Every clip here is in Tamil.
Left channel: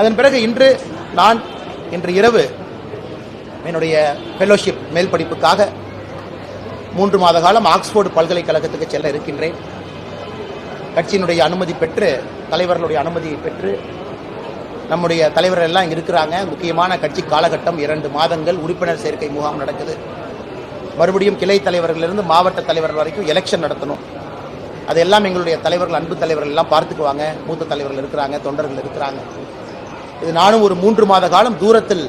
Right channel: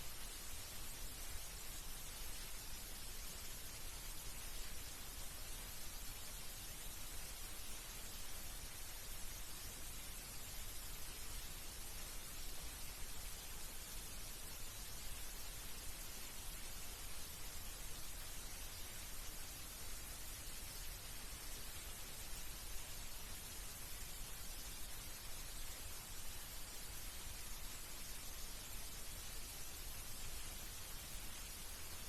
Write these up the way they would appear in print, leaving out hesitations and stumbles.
அதன் பிறகு இன்று இரவு என்னுடைய ஃபெலோஷிப் மேல் படிப்புக்காக 3 மாத காலம் ஆக்ஸ்போர்டு பல்கலைக்கழகத்துக்கு செல்ல இருக்கின்றேன். கட்சியினுடைய அனுமதி பெற்று, தலைவர்களுடைய அனுமதியை பெற்று, நம்முடைய தலைவர்கள் எல்லாம் இங்கே இருக்கிறாங்க. முக்கியமான கட்சி காலகட்டம் 2 மாதங்கள் உறுப்பினர் சேர்க்கை முகாம் நடக்குது. மறுபடியும் கிளை தலைவர்களிலிருந்து மாவட்ட தலைவர்கள் வரைக்கும் எலெக்ஷன் நடத்தணும். அதெல்லாம் எங்களுடைய தலைவர்கள், அன்பு தலைவர்கள் எல்லாம் பார்த்துக்குவாங்க. மூத்த தலைவர்கள் இருக்கிறாங்க, தொண்டர்கள் இருக்கிறாங்க. இது நானும் ஒரு 3 மாத காலம் தூரத்தில்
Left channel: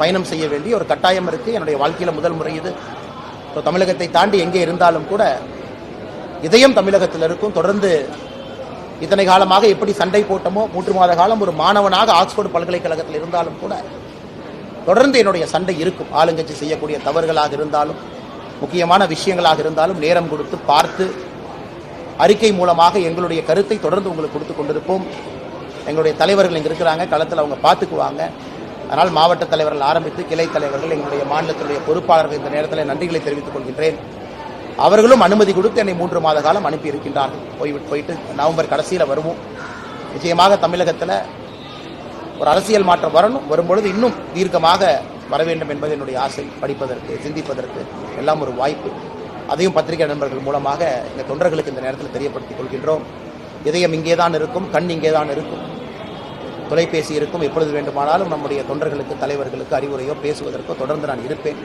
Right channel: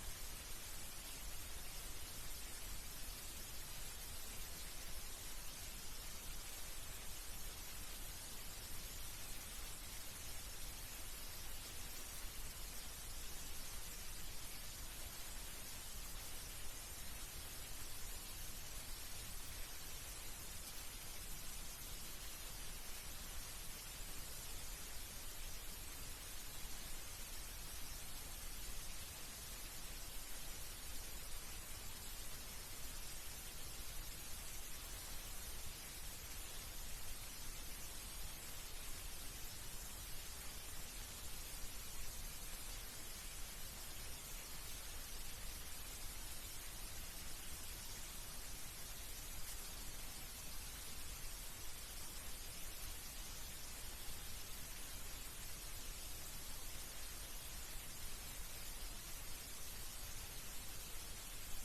பயணம் செய்ய வேண்டிய ஒரு கட்டாயம் இருக்குது. என்னுடைய வாழ்க்கையில் முதல் முறை இது. தமிழகத்தை தாண்டி எங்கே இருந்தாலும் கூட இதயம் தமிழகத்தில் இருக்கும். தொடர்ந்து இத்தனை காலமாக எப்படி சண்டை போட்டமோ, 3 மாத காலம் ஒரு மாணவனாக ஆக்ஸ்போர்டு பல்கலைக்கழகத்தில் இருந்தாலும் கூட தொடர்ந்து என்னுடைய சண்டை இருக்கும். ஆளுங்கட்சி செய்யக்கூடிய தவறுகளாக இருந்தாலும், முக்கியமான விஷயங்களாக இருந்தாலும் நேரம் கொடுத்து பார்த்து அறிக்கை மூலமாக எங்களுடைய கருத்தை தொடர்ந்து உங்களுக்கு கொடுத்து கொண்டிருப்போம். எங்களுடைய தலைவர்கள் இங்கே இருக்கிறாங்க, களத்தில் அவங்க பார்த்துக்குவாங்க. அதனால் மாவட்ட தலைவர்கள் ஆரம்பித்து கிளை தலைவர்கள், எங்களுடைய மாநிலத்தினுடைய பொறுப்பாளர்கள் இந்த நேரத்தில் நன்றிகளை தெரிவித்துக் கொள்கின்றேன். அவர்களும் அனுமதி கொடுத்து என்னை 3 மாத காலம் அனுப்பி இருக்கின்றார்கள். போயிட்டு நவம்பர் கடைசியில் வருவோம். நிச்சயமாக தமிழகத்தில் ஒரு அரசியல் மாற்றம் வரும்பொழுது இன்னும் தீர்க்கமாக வர வேண்டும் என்பது என்னுடைய ஆசை. படிப்பதற்கு, சிந்திப்பதற்கு எல்லாம் ஒரு வாய்ப்பு. அதையும் பத்திரிகை நண்பர்கள் மூலமாக எங்கள் தொண்டர்களுக்கு இந்த நேரத்தில் தெரியப்படுத்திக் கொள்கின்றோம். இதயம் இங்கே தான் இருக்கும், கண் இங்கே தான் இருக்கும், தொலைபேசி இருக்கும். எப்பொழுது வேண்டுமானாலும் நம்முடைய தொண்டர்களுக்கு, தலைவர்களுக்கு அறிவுரையோ பேசுவதற்கோ தொடர்ந்து நான் இருப்பேன்.